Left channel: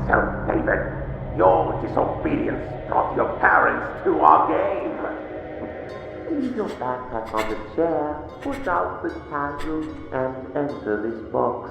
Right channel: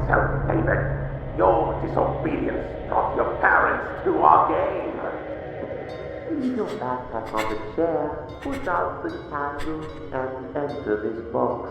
yourself, David. Your disobedience brought your parents to our game. Leave your backpack on the chair, put out the candle, and enter this box.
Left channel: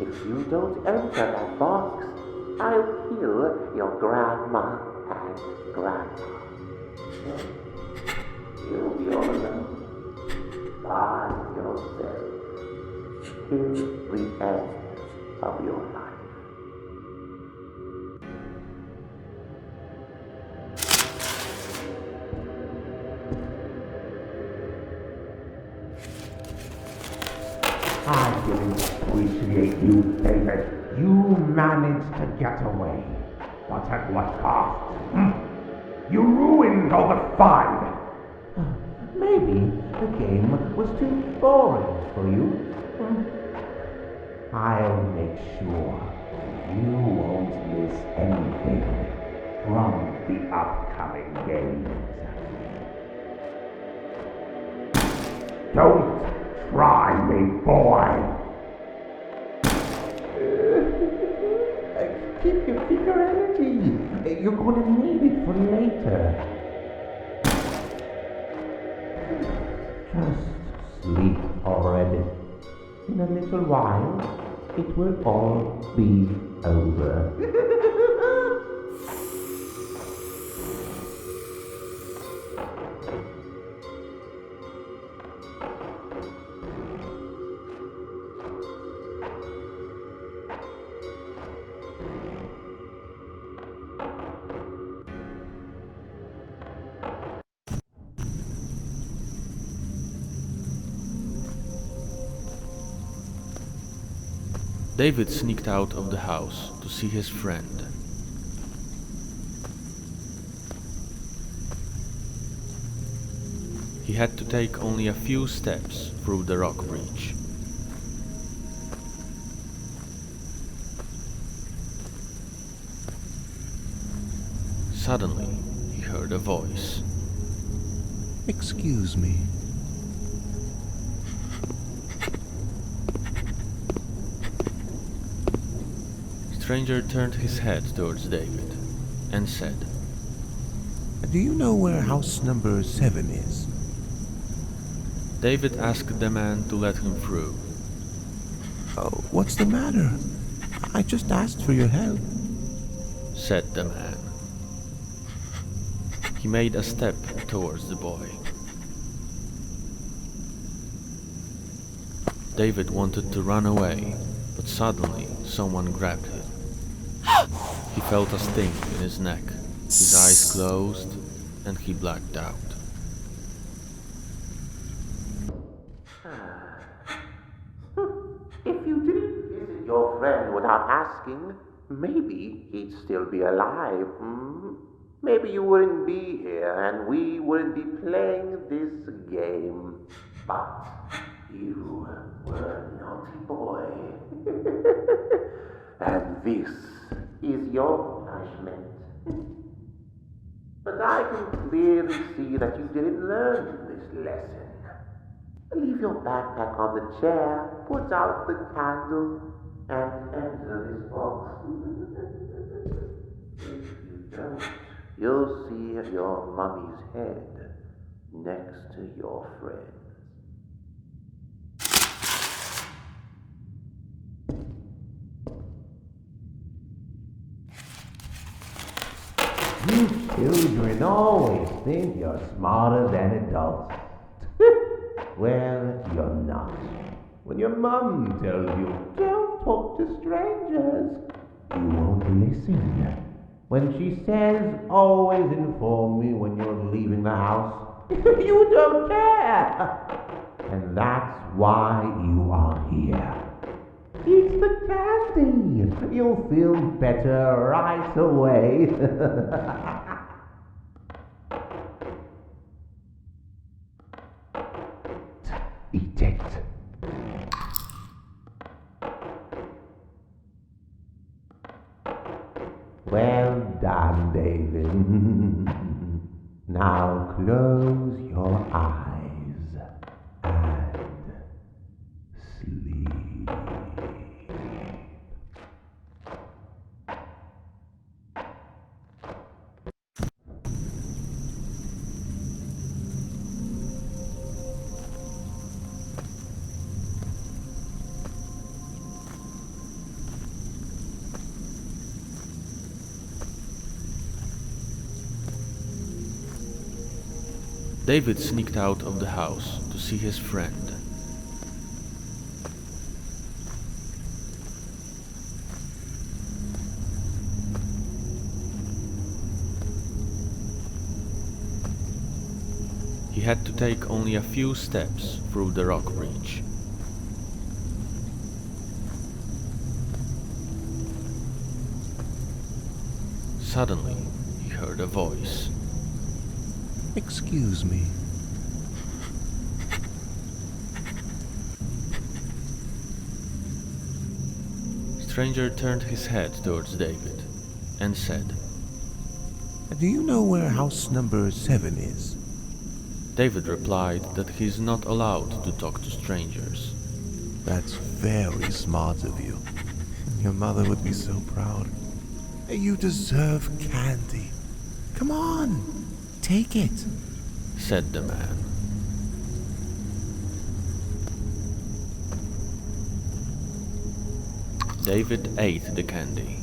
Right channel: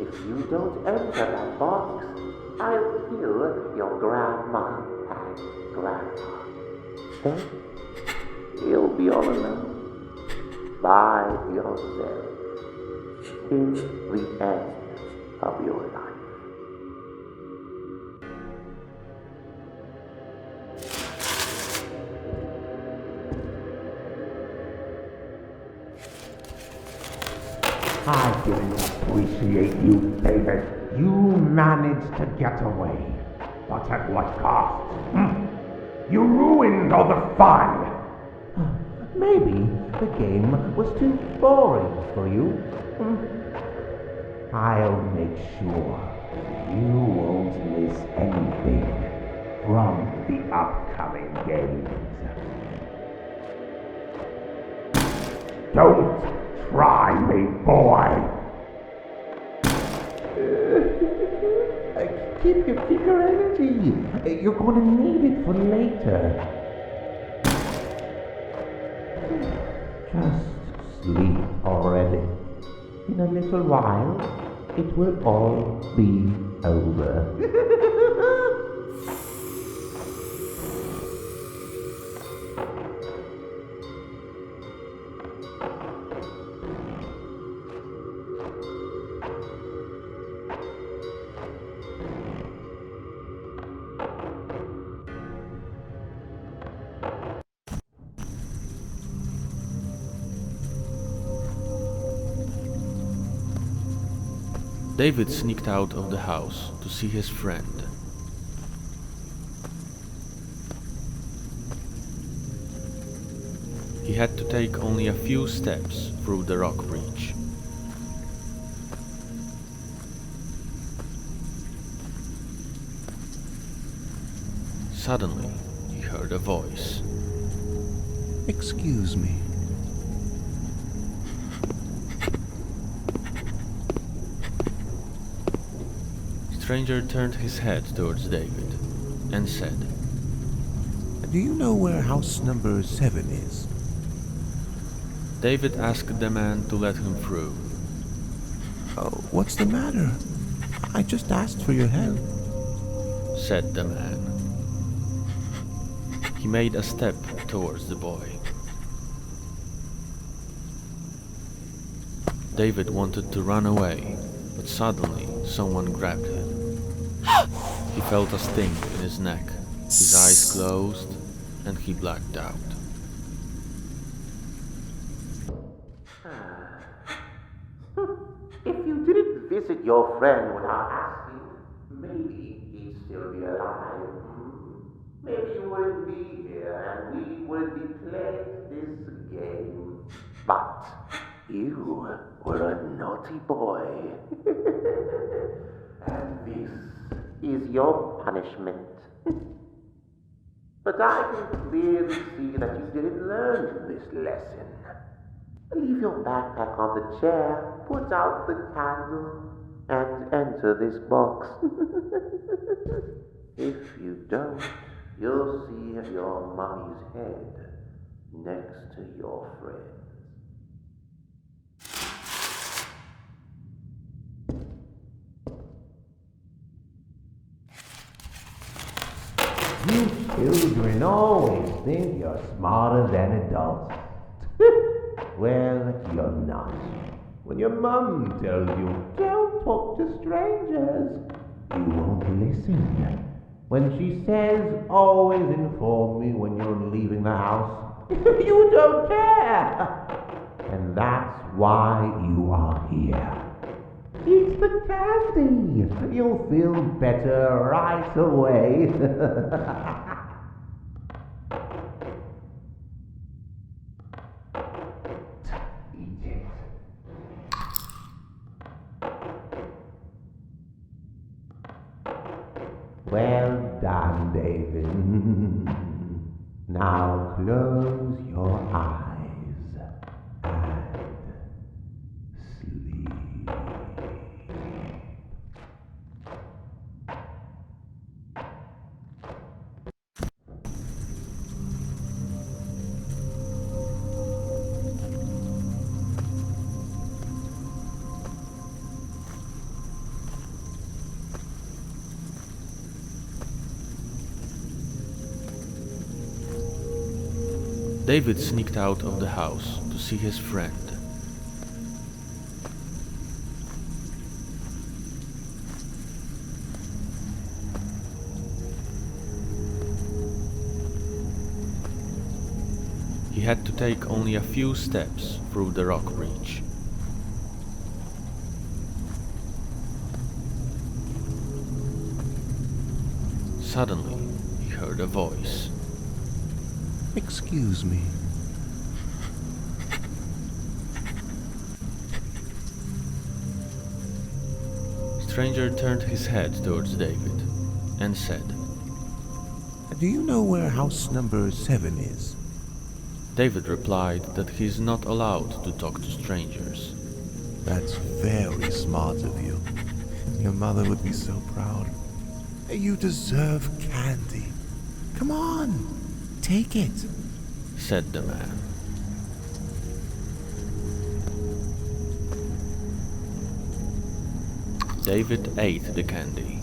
If you don't enter that box, I'll kill your grandma and grandpa. Then you'll be all alone by yourself till the end of your life. I didn't appreciate you, David. You managed to get away. But at what cost? You ruined all the fun. Maybe the game was too boring for you. I'll make sure you won't miss anything from the upcoming games. Don't try me, boy! Keep your energy. You're going to need it for later. Just sleep already. In a little while, it will all be over. David sneaked out of the house to see his friend. He had to take only a few steps through the rock breach. Suddenly, he heard a voice. Excuse me. The stranger turned his head towards David and said, Do you know where house number 7 is? David asked the man to let him through. Oh, what's the matter? I just asked for your help, said the man. He made a step towards the boy. David wanted to run away, but suddenly someone grabbed him. He felt a sting in his neck, his eyes closed, and he blacked out. If you didn't visit your friend without asking, maybe he'd still be alive. Maybe you wouldn't be here and we wouldn't be playing this game. But you were a naughty boy. And this is your punishment. But I can clearly see that you didn't learn this lesson. Leave your backpack on the chair, put out the candle, and enter this box. If you don't, you'll see your mummy's head next to your friend's. You children always think you're smarter than adults. Well, you're not. When your mum tells you, don't talk to strangers, you won't listen. When she says, always inform me when you're leaving the house, you don't care. And that's why you are here. Eat the candy. You'll feel better right away. Eat it. Well done, David. Now close your eyes and sleep. David sneaked out of the house to see his friend. He had to take only a few steps through the rock breach. Suddenly, he heard a voice. Excuse me. Stranger turned his head towards David and said, Do you know where house number 7 is? David replied that he is not allowed to talk to strangers. That's very smart of you. Your mother would be so proud. You deserve candy. Come on, take it, said the man. David ate the candy.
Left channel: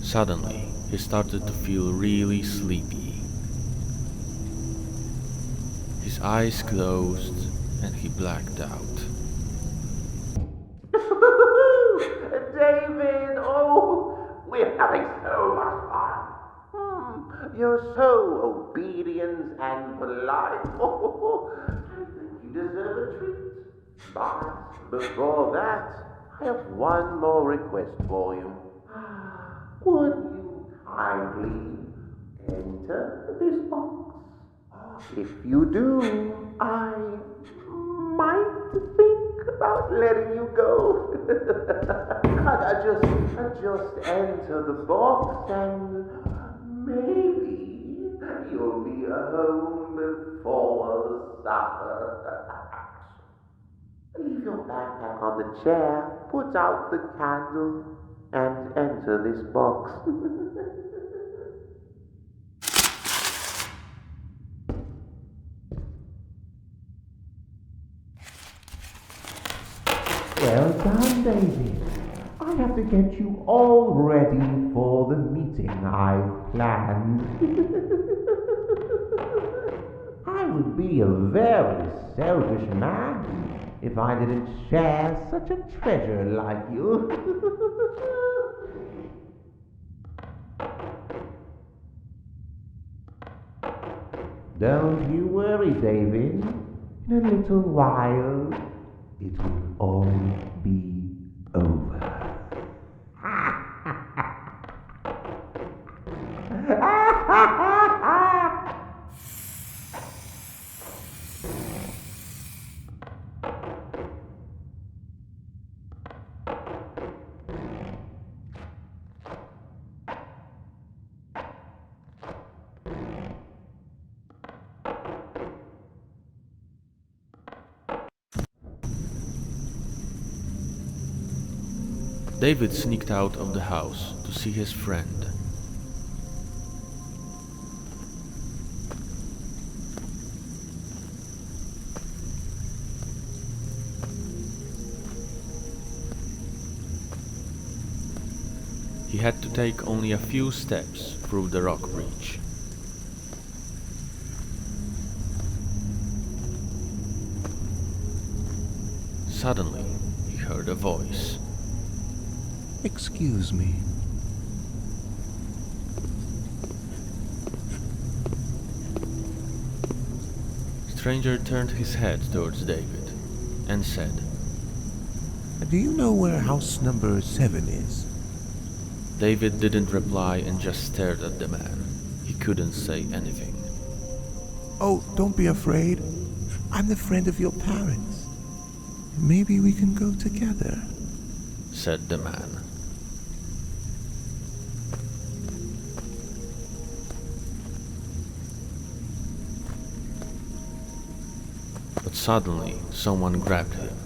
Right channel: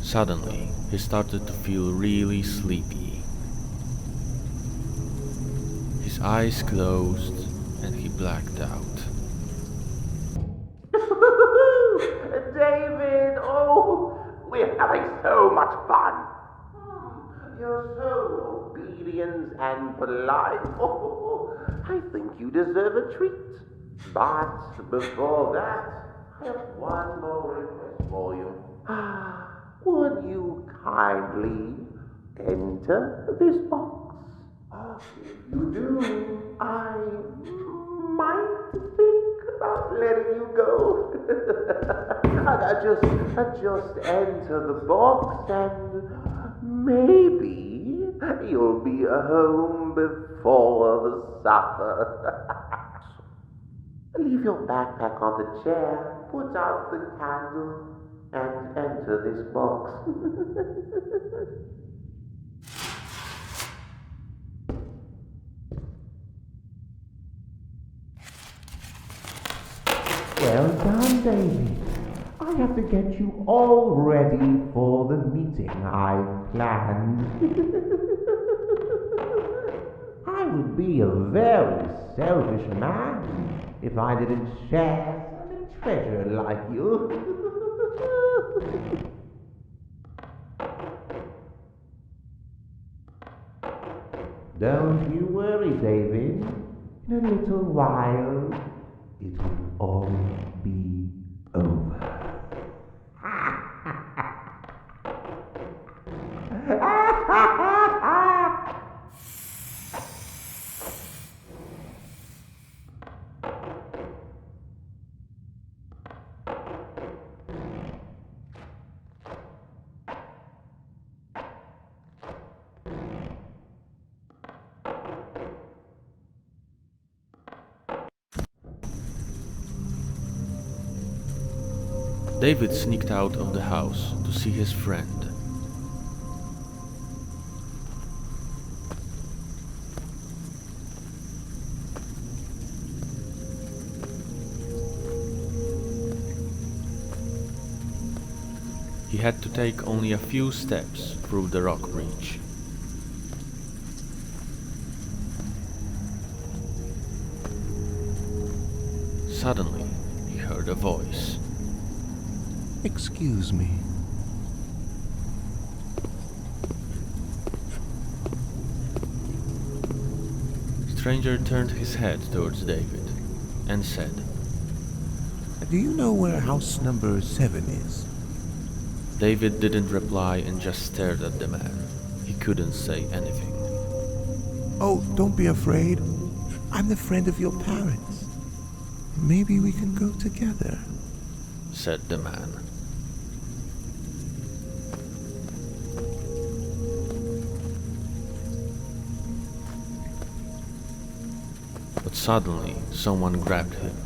Suddenly, he started to feel really sleepy. His eyes closed and he blacked out. David, oh, we're having so much fun. You're so obedient and polite. Oh, I think you deserve a treat. But before that, I have one more request for you. Would you kindly enter this box? If you do, I might think about letting you go. Just enter the box and maybe you'll be home before the supper. Leave your backpack on the chair, put out the candle, and enter this box. Well done, David. I have to get you all ready for the meeting I've planned. I would be a very selfish man if I didn't share such a treasure like you. Don't you worry, David. In a little while, it will all be over. David sneaked out of the house to see his friend. He had to take only a few steps through the rock breach. Suddenly, he heard a voice. Excuse me. Stranger turned his head towards David and said, Do you know where house number 7 is? David didn't reply and just stared at the man. He couldn't say anything. Oh, don't be afraid. I'm the friend of your parents. Maybe we can go together, said the man. But suddenly, someone grabbed him